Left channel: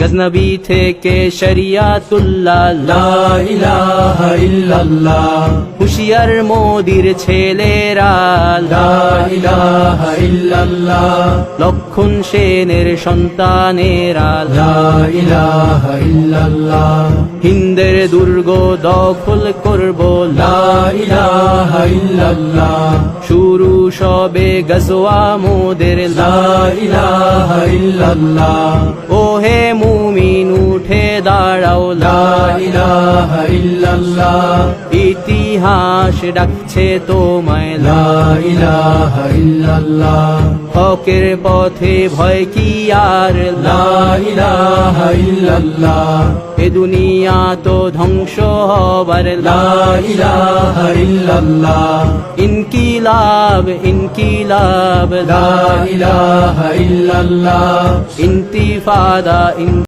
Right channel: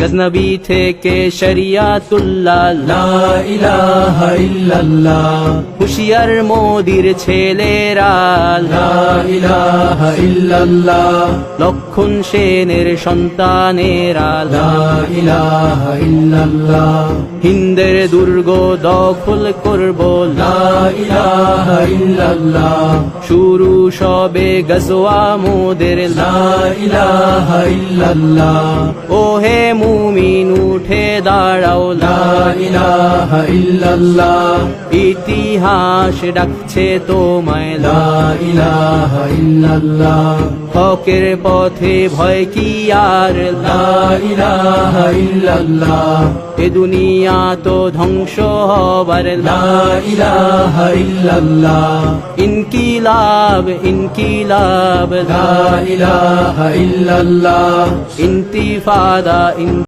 গজনবী থেকে শরিয়াতুল্লাহ লা ইলাহা ইল্লাল্লাহ, হুশিয়ার মোদির ছেলেরা লা ইলাহা ইল্লাল্লাহ, লক্ষণ সেনের সন্তানেরা লা ইলাহা ইল্লাল্লাহ, হিন্দের দুর্গ দখল করব লা ইলাহা ইল্লাল্লাহ, শুরু সবে গজওয়া মোদের লা ইলাহা ইল্লাল্লাহ, ওহে মুমিন উঠে দাঁড়াও লা ইলাহা ইল্লাল্লাহ, ইতিহাস ডাকছে তোমায় লা ইলাহা ইল্লাল্লাহ, হকের পথে ভয় কি আর লা ইলাহা ইল্লাল্লাহ, এ দুনিয়া তো ধ্বংস হবার লা ইলাহা ইল্লাল্লাহ, ইনকিলাব ইনকিলাব লা ইলাহা ইল্লাল্লাহ, ইন্তিফাদা